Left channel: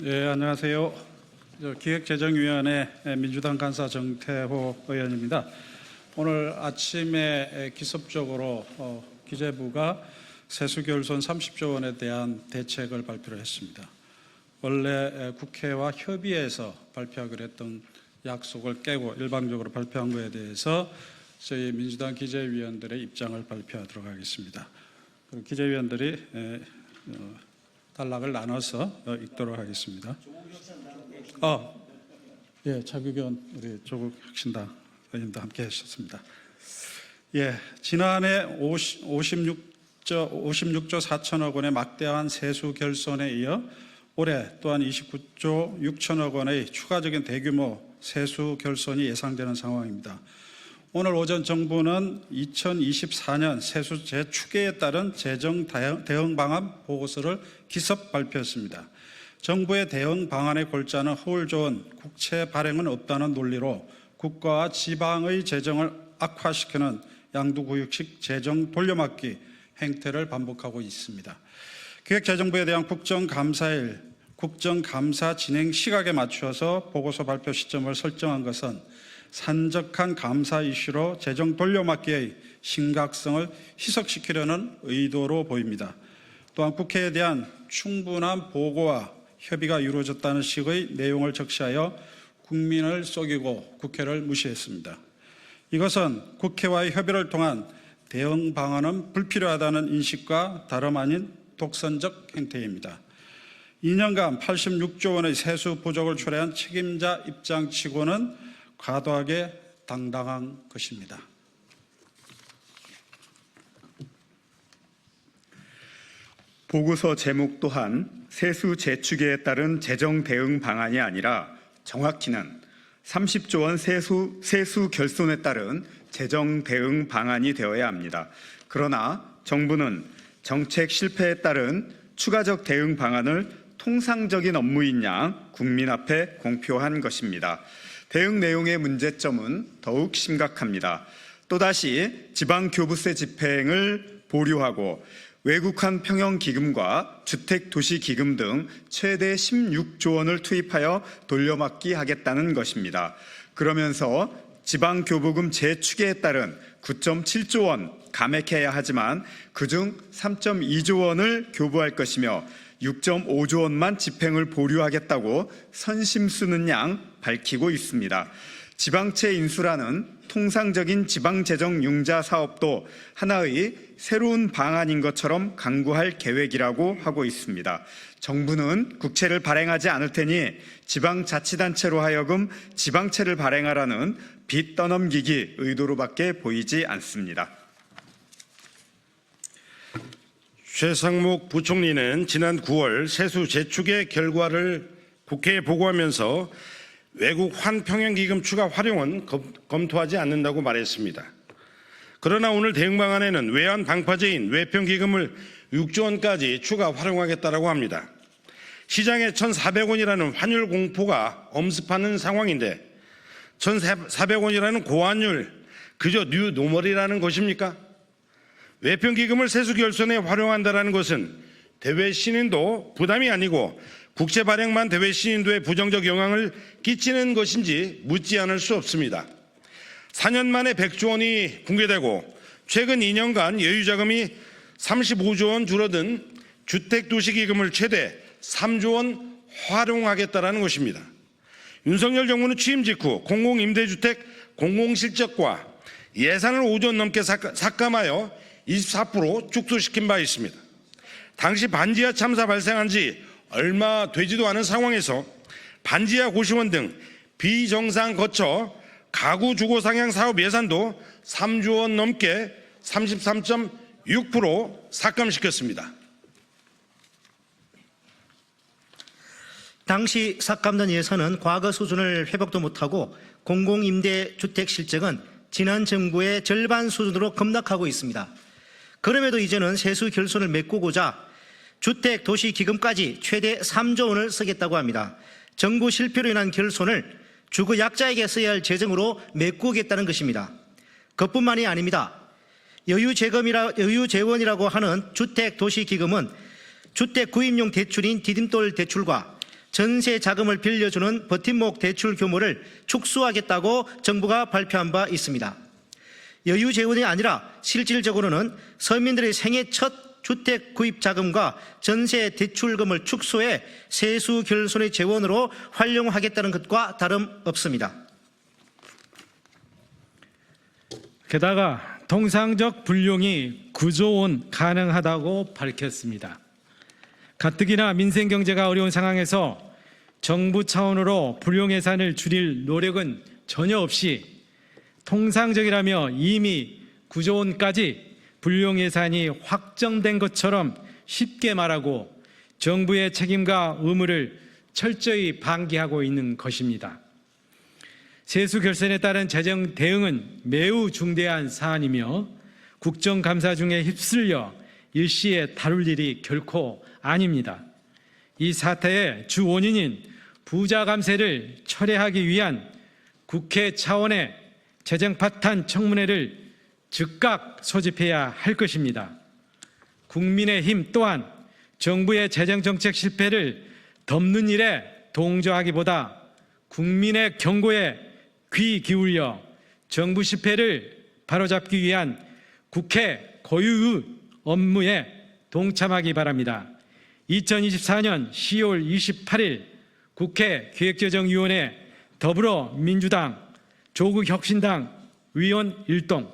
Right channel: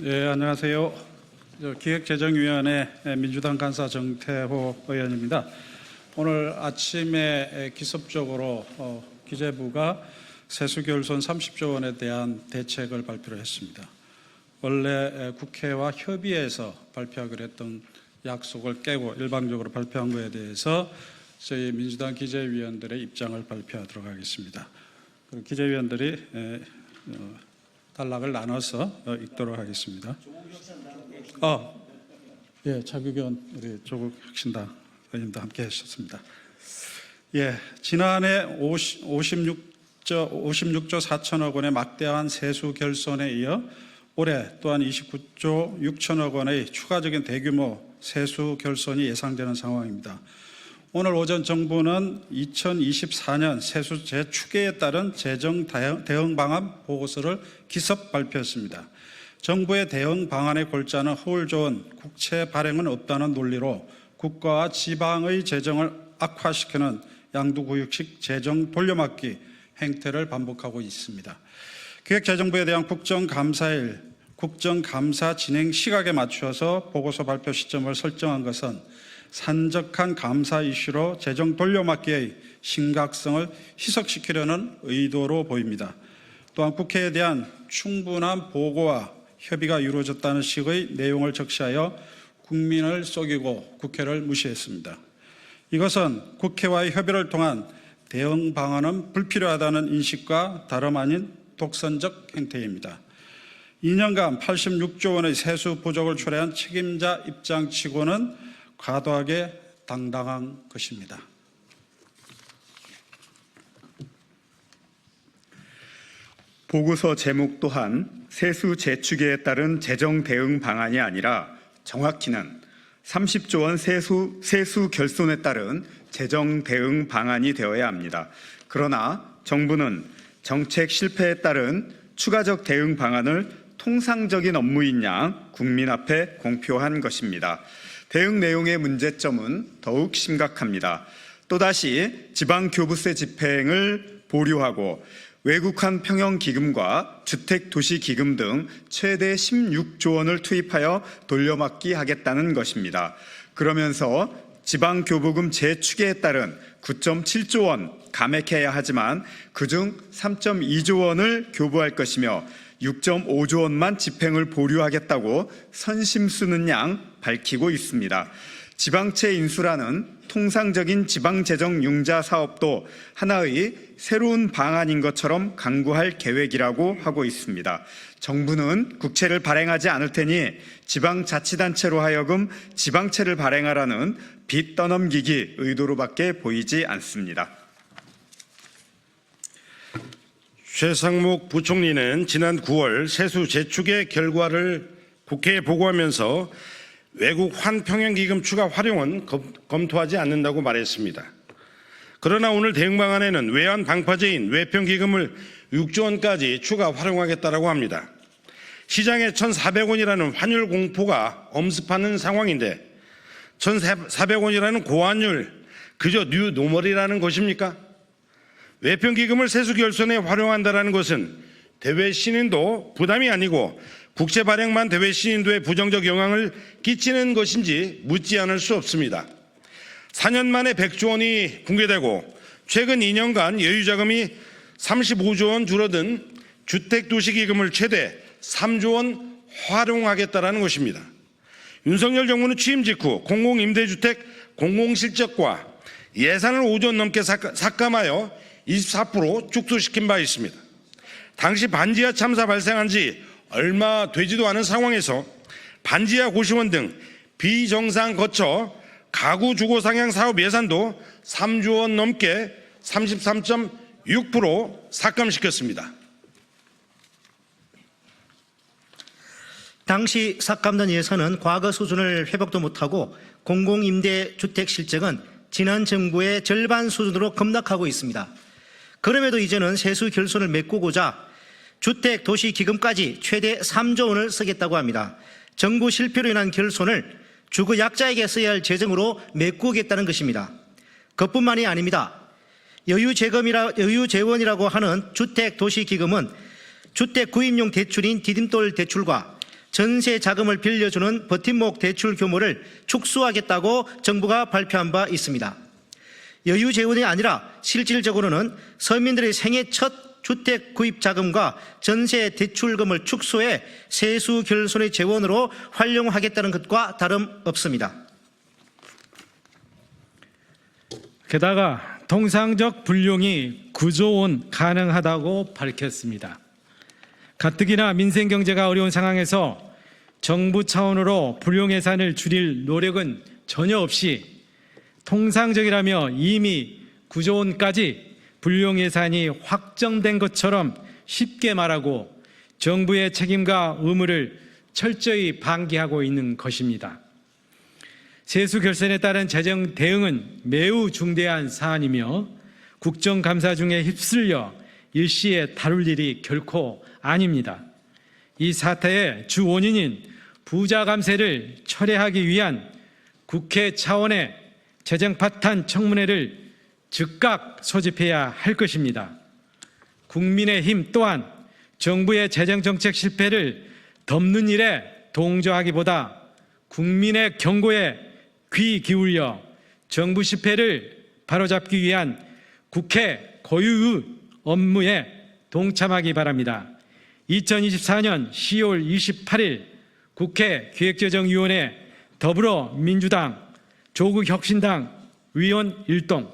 예, 안녕하세요. 저 기획재정위원회 민주당 간사 정태호 의원입니다. 오늘 아침에 기습적으로 어, 기재부가 세수결손 30조 원에 대한 대책을 발표를 했습니다. 원래 에, 국회와 협의해서 발표하기로 했던 약속을 깨고 일방적으로 발표한 것에 대해서 저희 민주당 기재위원들의 입장을 발표하도록 하겠습니다. 그 기재위원들이 에, 어, 단락을 나눠서 어, 읽도록 하겠습니다. 어, 예, 차규견 우리 조국 혁신당 의원도 함께 하셨습니다. 예, 지난해 50, 56조, 56조 4천억 원의 막대한 세수 결손에 이어 올해 또한 29조 6천억 원의 추가적인 대규모 세수 결손이 예상되는 상황입니다. 오늘 오전 정부는 2024년 세수 재추계에 따른 재정 대응- 방안 보고서를 기습 발표했습니다. 정부의 대응 방안의 골자는 허울 좋은 국채 발행은 없다는 논리로 국가와 지방의 재정을 악화시키는 양두구육식 재정 돌려막기 행태를 반복하고 있습니다. 기획재정부에 대한 국정감사일 국정감사 진행 시각에 맞추어서 보고서 발표 시점을 설정한 것은 산적한 감사 이슈로 재정 돌려막기의 심각성을 희석시키려는 의도로 보입니다. 또한 국회에 대한 충분한 보고와 협의가 이루어졌다는 식의 내용을 적시하여 국민을 속이고 국회를 무시했습니다. 이것은 국회와의 협의를 통한 대응 방안은 불필요하다는 인식과 다름 아닌 독선적 행태입니다. 2년간 86조 원의 세수 부족을 초래한 책임자 입장치고는 과도하게 당당한 것입니다. 보고서 제목 또한 세수 재추계에 따른 재정 대응 방안이 아니라 정확히는 30조 원 세수, 세수 결손에 따른 재정 대응 방안이 되어야 합니다. 그러나 정부는 정책 실패에 따른 추가적 대응 방안을 통상적인 업무인 양 국민 앞에 공표한 것입니다. 대응 내용의 문제점은 더욱 심각합니다. 또다시 지방교부세 집행을 보류하고 외국환 평형기금과 주택도시기금 등 최대 16조 원을 투입하여 돌려막기 하겠다는 것입니다. 그러면서 지방교부금 재추계에 따른 9.7조 원 감액해야 하지만 그중 3.2조 원을 교부할 것이며 6.5조 원만 집행을 보류하겠다고 선심 쓰는 양 밝히고 있습니다. 지방채 인수라는 통상적인 지방재정 융자 사업도 하나의 새로운 방안인 것처럼 강구할 계획이라고 하고 있습니다. 정부는 국채를 발행하지 않을 테니 지방자치단체로 하여금 지방채를 발행하라는 빚 떠넘기기 의도로밖에 보이지 않습니다. 최상목 부총리는 지난 9월 세수 재축의 결과를 국회에 보고하면서 외국 환평형기금 추가 활용은 검, 검토하지 않는다고 말했습니다. 그러나 오늘 대응 방안에는 외환 방파제인 외평기금을 6조 원까지 추가 활용하겠다고 합니다. 시장에 1,400원이라는 환율 공포가 엄습하는 상황인데 1,400원이라는 고환율 그저 뉴 노멀이라는 것입니까? 외평 기금을 세수 결손에 활용한다는 것은 대외 신인도 부담이 아니고 국채 발행만 대외 신인도에 부정적 영향을 끼치는 것인지 묻지 않을 수 없습니다. 4년 만에 100조 원이 붕괴되고 최근 2년간 여유 자금이 35조 원 줄어든 주택 도시 기금을 최대 3조 원 활용하겠다는 것입니다. 윤석열 정부는 취임 직후 공공임대주택 공공실적과 예산을 5조 원 넘게 삭- 삭감하여 24% 축소시킨 바 있습니다. 당시 반지하 참사 발생한 지 얼마 되지도 않은 상황에서 반지하 고시원 등 비정상 거처 가구 주거 상향 사업 예산도 3조 원 넘게 33.6% 삭감시켰습니다. 당시 삭감된 예산은 과거 수준을 회복도 못하고 공공임대주택 실적은 지난 정부의 절반 수준으로 급락하고 있습니다. 그럼에도 이제는 세수 결손을 메꾸고자 주택 도시 기금까지 최대 3조 원을 쓰겠다고 합니다. 정부 실패로 인한 결손을 주거 약자에게 써야 할 재정으로 메꾸겠다는 것입니다. 그뿐만이 아닙니다. 여유 재검이라 여유 재원이라고 하는 주택 도시 기금은 주택 구입용 대출인 디딤돌 대출과 전세 자금을 빌려주는 버팀목 대출 규모를 축소하겠다고 정부가 발표한 바 있습니다. 여유 재원이 아니라 실질적으로는 서민들의 생애 첫 주택 구입 자금과 전세 대출금을 축소해 세수 결손의 재원으로 활용하겠다는 것과 다름없습니다. 게다가 통상적 불용이 9조 원 가능하다고 밝혔습니다. 가뜩이나 민생 경제가 어려운 상황에서 정부 차원으로 불용 예산을 줄일 노력은 전혀 없이 통상적이라며 이미 9조 원까지 불용 예산이 확정된 것처럼 쉽게 말하고 정부의 책임과 의무를 철저히 방기하고 있는 것입니다. 세수 결선에 따른 재정 대응은 매우 중대한 사안이며 국정감사 중에 휩쓸려 일시에 다룰 일이 결코 아닙니다. 이 사태의 주 원인인 부자 감세를 철회하기 위한 국회 차원의 재정 파탄 청문회를 즉각 소집해야 할 것입니다. 국민의힘 또한 정부의 재정 정책 실패를 덮는 일에 동조하기보다 국민의 경고에 귀 기울여 정부 실패를 바로잡기 위한 국회 고유의 업무에 동참하기 바랍니다. 2024년 10월 28일 국회 기획재정위원회 더불어민주당 조국 혁신당 위원 일동